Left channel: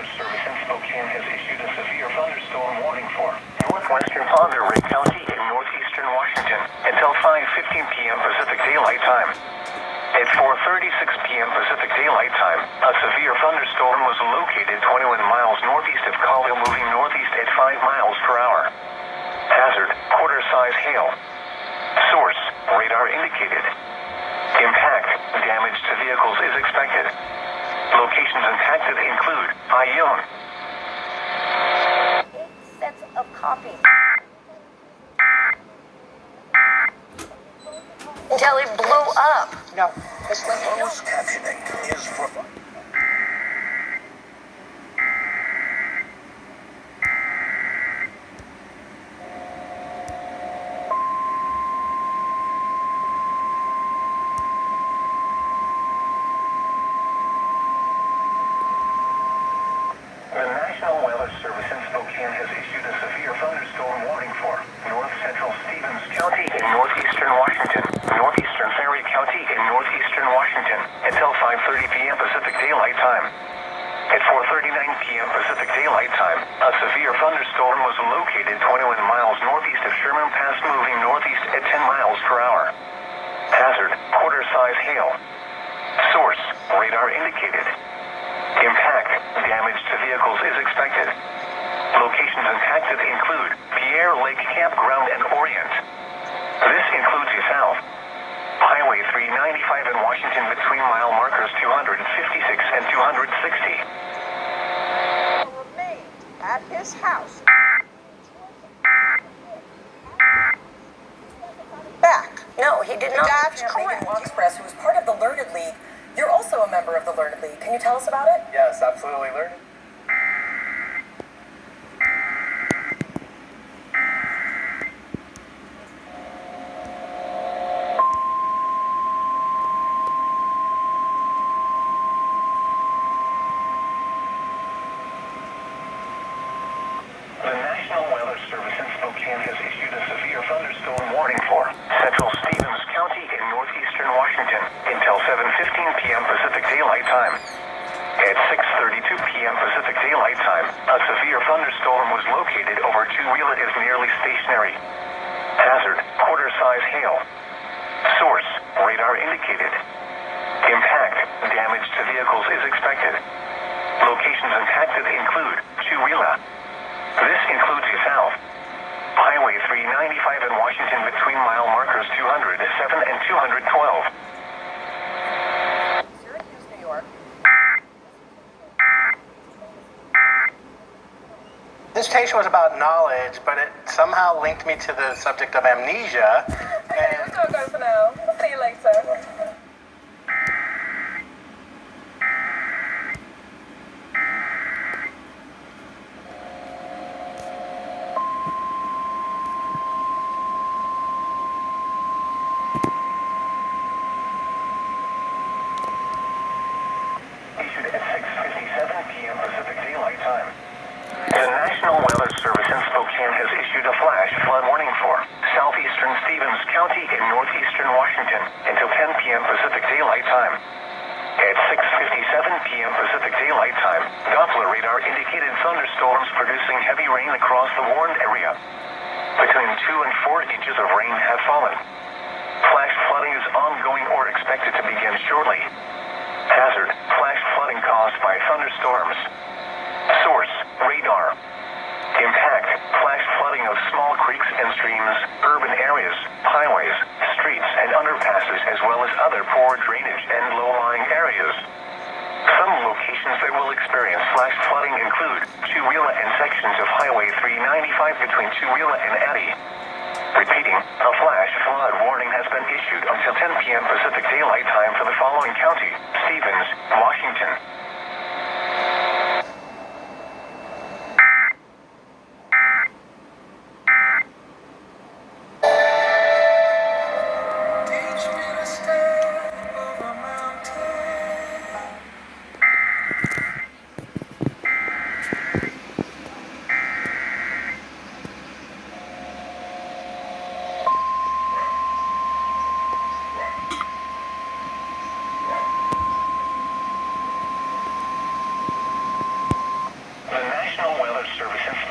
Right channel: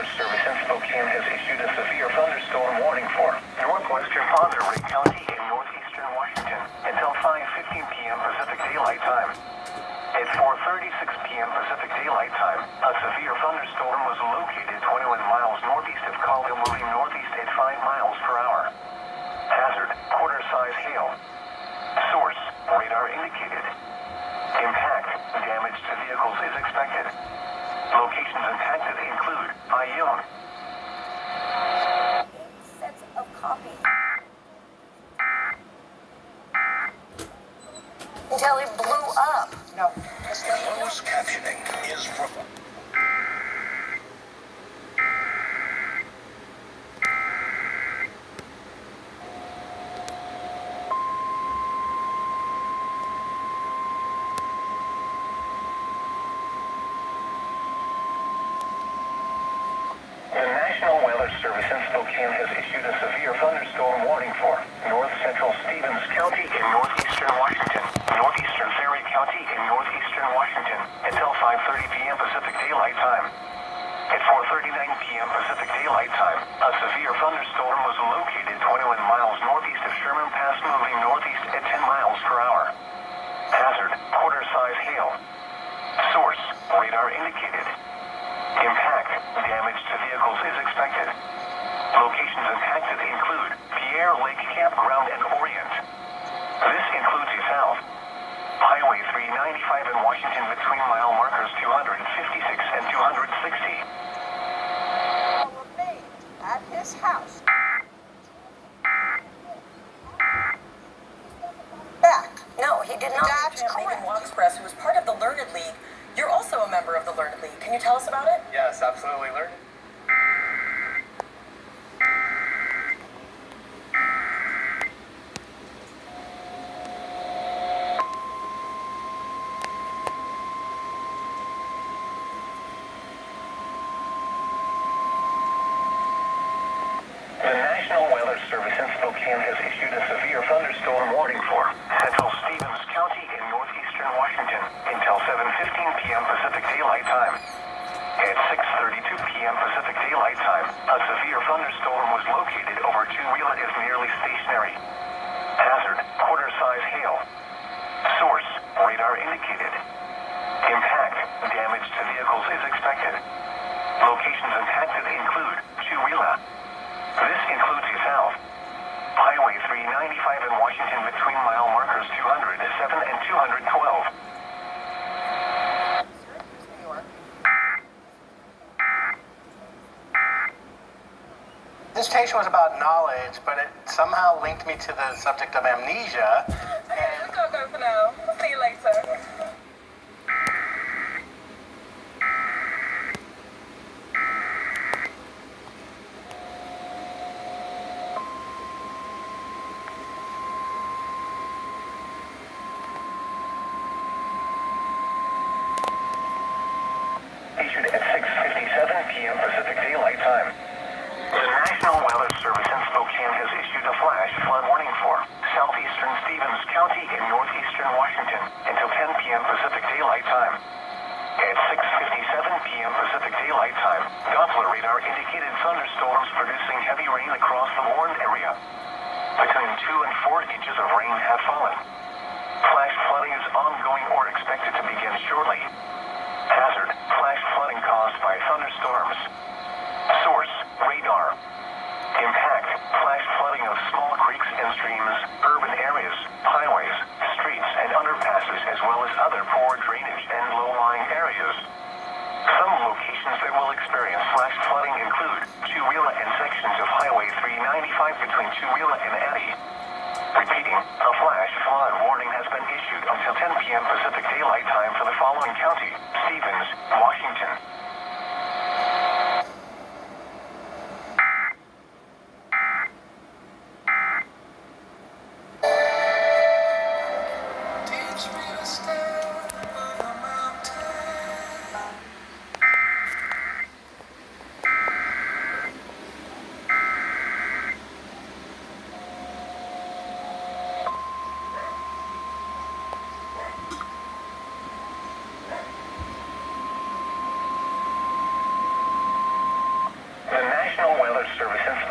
Weather Service in Spokane has issued a severe thunderstorm warning for northwestern Monterey County in northeastern Washington until 5:15 p.m. Pacific Daylight Time. At 4:36 p.m. Pacific Daylight Time, a severe thunderstorm was located 21 miles northeast of Colville, moving northeast at 5 miles per hour. Hazard, quarter-size hail. Source, radar indicated. Impact, damage to vehicles is expected. Locations impacted include Ione. 8 sets of copy. Until it blew up. No. Closed captioning is provided. The National Weather Service in Spokane has issued a severe thunderstorm warning for north central Stevens County in northeastern Washington, northeastern Ferry County in northeastern Washington until 5:30 p.m. Pacific Daylight Time. At 4:39 p.m. Pacific Daylight Time, a severe thunderstorm was located 21 miles northeast of Sherman Pass, moving northeast at 10 miles per hour. Hazard, quarter-size hail. Source, radar indicated. Impact, damage to vehicles is expected. Locations impacted include Pierre Lake Campground and Orient. This includes the South. Highway 395 in Washington between mile markers 256 and 260. Remained at his house. Back. No, he did not. That's Megan correct. Express, who is part of the Learned League. You're also a member of the Learned League. Can you tell us about it? Yes, absolutely. Learn. The National Weather Service in Spokane has issued a severe thunderstorm warning for central Stevens County in northeastern Washington until 7:15 p.m. Pacific Daylight Time. At 6:32 p.m. Pacific Daylight Time, a severe thunderstorm was located over two-wheeler is nearly stationary. Hazard, quarter-size hail. Source, radar indicated. Impact, damage to vehicles is expected. Locations impacted include two-wheeler. This includes the South. Highway 395 in Washington between mile markers 207 and 212. Syracuse, New York. This station was about knowledge, but it somehow linked me to the subject of amnesia. Okay, let's go for now. See you later. Issued at 6:57 p.m. Pacific Daylight Time. The National Weather Service in Spokane has issued a flash flood warning for southeastern Stevens County in northeastern Washington until 10 p.m. Pacific Daylight Time. At 6:57 p.m. Pacific Daylight Time, Doppler radar indicated thunderstorms producing heavy rain across the warned area. Between 2 and 4 inches of rain have fallen. Flash flooding is ongoing or expected to begin shortly. Hazard, flash flooding caused by thunderstorms. Source, radar. Impact, flash flooding of small creeks and streams, urban areas, highways, streets, and underpasses, as well as other poor drainage and low-lying areas. Some locations that will experience flash flooding include Two-Wheeler and sections of Highway 395 between Two-Wheeler and Eddy. Repeating, a flash flood warning has been issued until 10 p.m. Pacific Daylight Time for the following county: Stevens, Washington.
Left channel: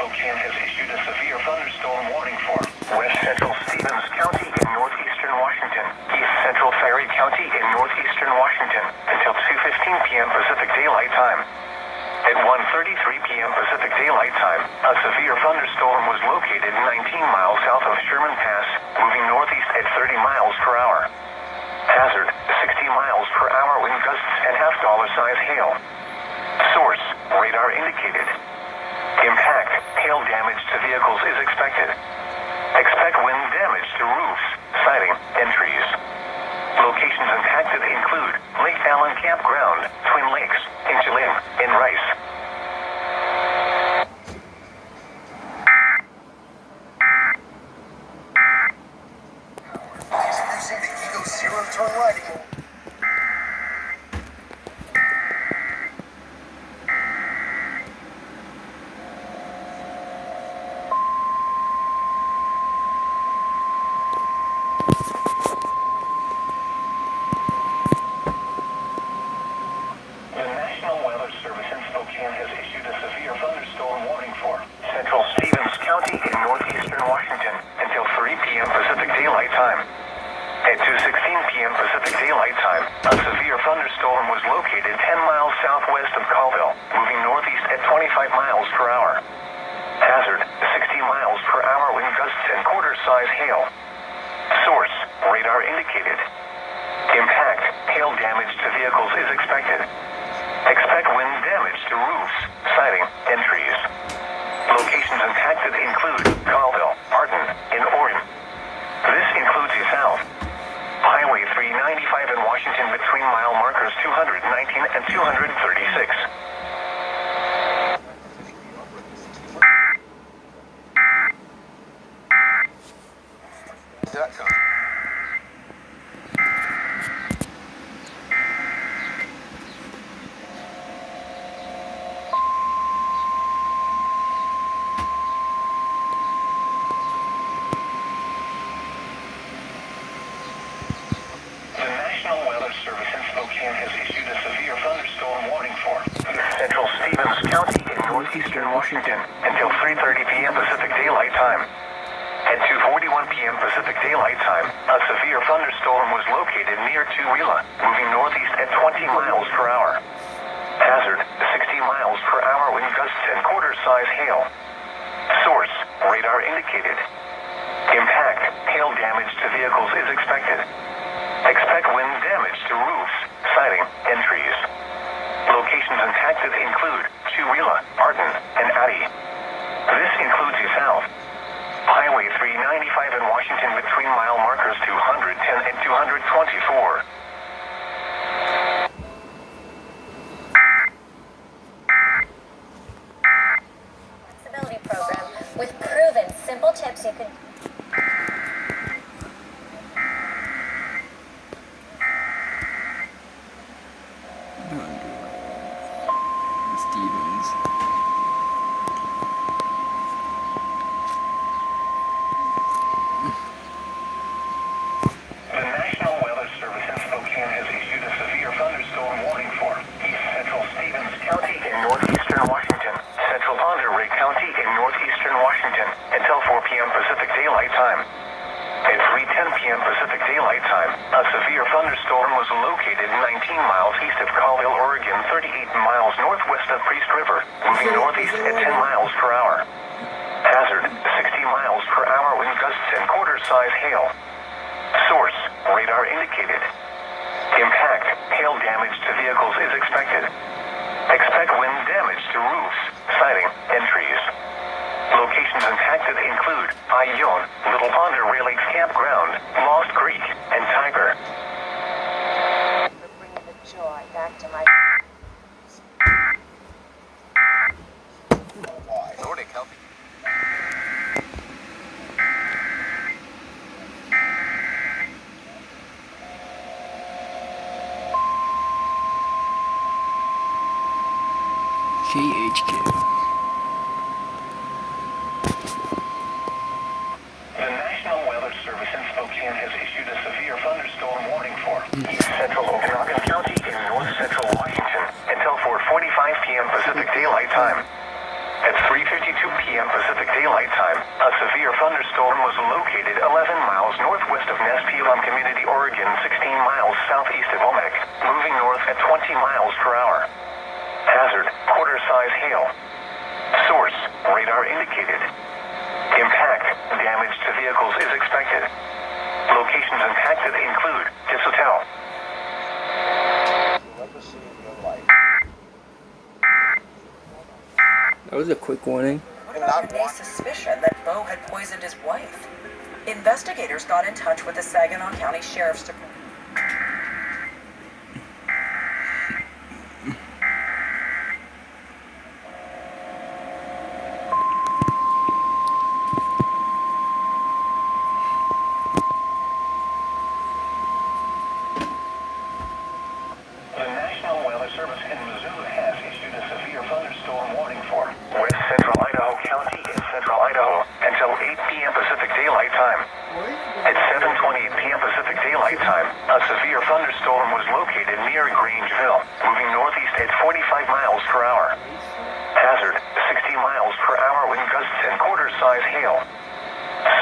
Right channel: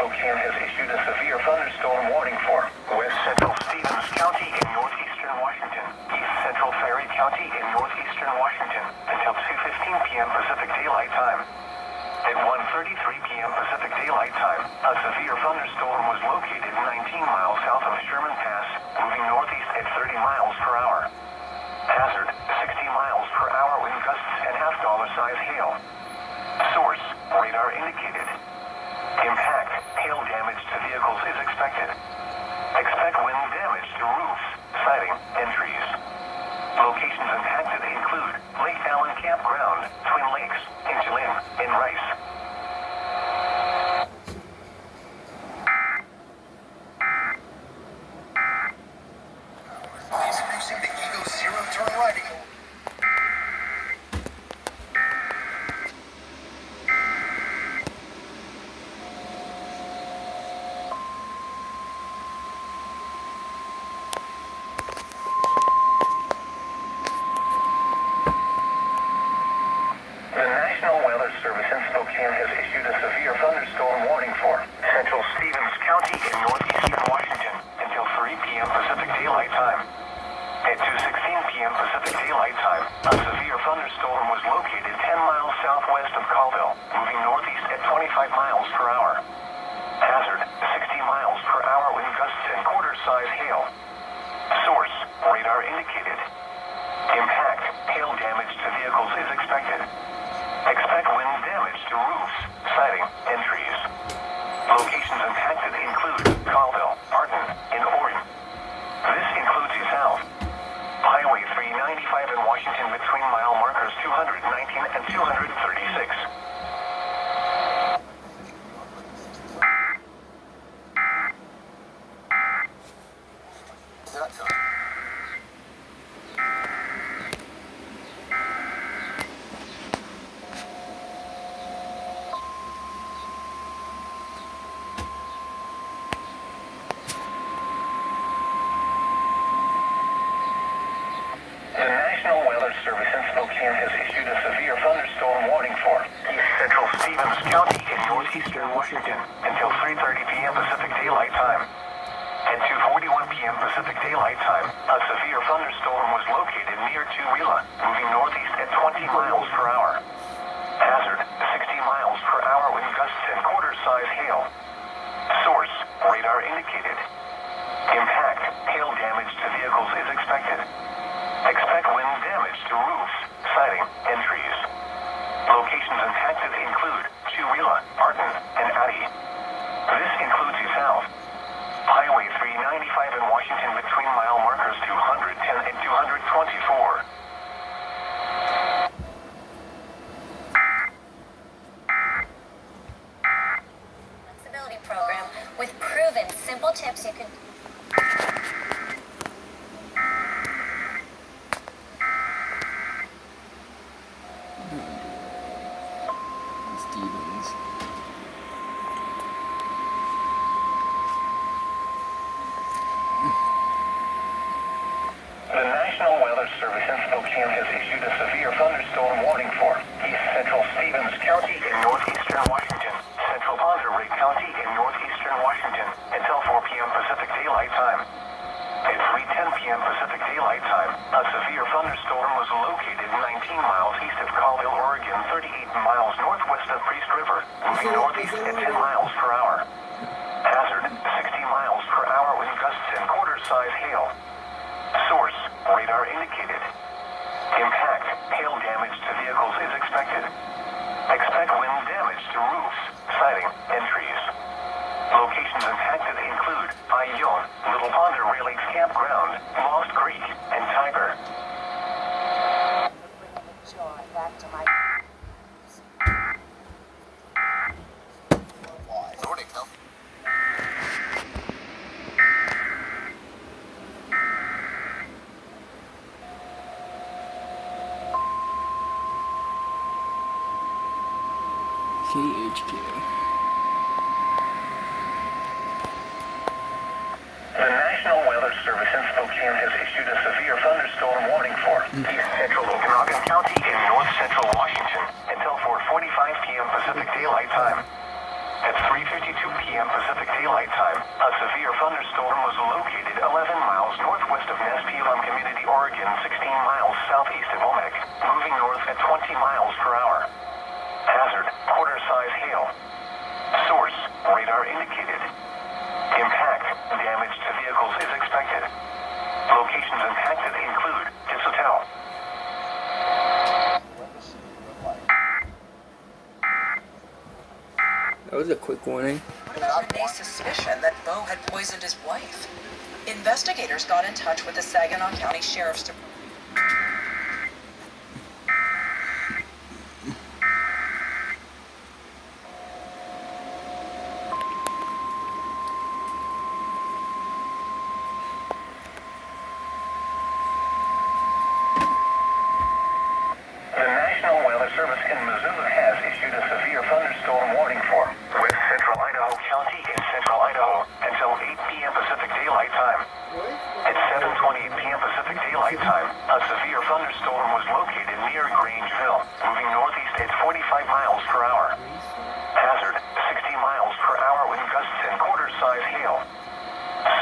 Spokane has issued a severe thunderstorm warning for west central Stevens County in northeastern Washington, east central Ferry County in northeastern Washington until 2:15 p.m. Pacific Daylight Time. At 1:33 p.m. Pacific Daylight Time, a severe thunderstorm was located 19 miles south of Sherman Pass, moving northeast at 30 miles per hour. Hazard, 60 miles per hour wind gusts and half-dollar-size hail. Source, radar indicated. Impact, hail damage to vehicles is expected. Expect wind damage to roofs, siding, and trees. Locations impacted include Lake Allen Campground, Twin Lakes, Ingelim, and Rice. Introducing the Ego Zero Turn Riding Mode. The National Weather Service in Spokane has issued a severe thunderstorm warning for central Stevens County in northeastern Washington until 3 p.m. Pacific Daylight Time. At 2:16 p.m. Pacific Daylight Time, a severe thunderstorm was located 10 miles southwest of Colville, moving northeast at 25 miles per hour. Hazard, 60 miles per hour wind gusts and quarter-size hail. Source, radar indicated. Impact, hail damage to vehicles is expected. Expect wind damage to roofs, siding, and trees. Locations impacted include Colville, Martin, and Orion. This includes the south. Highway 395 in Washington between mile markers 219 and 236. The National Weather Service in Spokane has issued a severe thunderstorm warning for east central Stevens County in northeastern Washington until 3:30 p.m. Pacific Daylight Time. At 2:41 p.m. Pacific Daylight Time, a severe thunderstorm was located near Tooele, moving northeast at 20 miles per hour. Hazard, 60 miles per hour wind gusts and quarter-size hail. Source, radar indicated. Impact, hail damage to vehicles is expected. Expect wind damage to roofs, siding, and trees. Locations impacted include Tooele, Martin, and Addy. This includes the south. Highway 395 in Washington between mile markers 210 and 224. Flexibility program with proven simple tips you can. Stevens. The National Weather Service in Spokane has issued a severe thunderstorm warning for east central Stevens County in northeastern Washington, central Ponderay County in northeastern Washington until 4 p.m. Pacific Daylight Time. At 3:10 p.m. Pacific Daylight Time, a severe thunderstorm was located 19 miles east of Colville, Oregon, 38 miles northwest of Priest River, moving northeast at 10 miles per hour. Hazard, 60 miles per hour wind gusts and quarter-size hail. Source, radar indicated. Impact, hail damage to vehicles is expected. Expect wind damage to roofs, siding, and trees. Locations impacted include Ione, Little Ponder Rail Lakes Campground, Lost Creek, and Tiger. Bringing the joy back to my. Morning, Cal. KHQ. The National Weather Service in Spokane has issued a severe thunderstorm warning for east central Okanagan County in north central Washington until 4:45 p.m. Pacific Daylight Time. At 3:52 p.m. Pacific 60 miles per hour. Hazard, quarter-size hail. Source, radar indicated. Impact, damage to vehicles is expected. Locations impacted include this hotel. That was a quick warning. What about Renee's suspicion that Bo had poisoned his wife? Investigators got in touch with the Saginaw County Sheriff's Department. The National Weather Service in Missoula has issued a severe thunderstorm warning for West Central Idaho County in central Idaho until 8 p.m. Pacific Daylight Time. At 7:28 p.m. Pacific Daylight Time, a severe thunderstorm was located near Grangeville, moving northeast at 45 miles per hour. Hazard, 60 miles per hour wind gusts and quarter-size hail.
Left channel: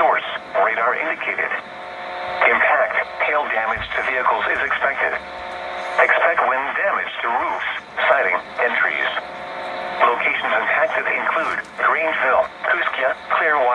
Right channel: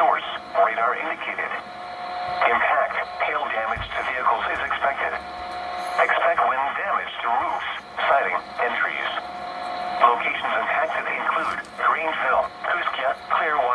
Source, radar indicated. Impact, hail damage to vehicles is expected. Expect wind damage to roofs, siding, and trees. Locations impacted include Grangeville, Kuskia, Clearwater,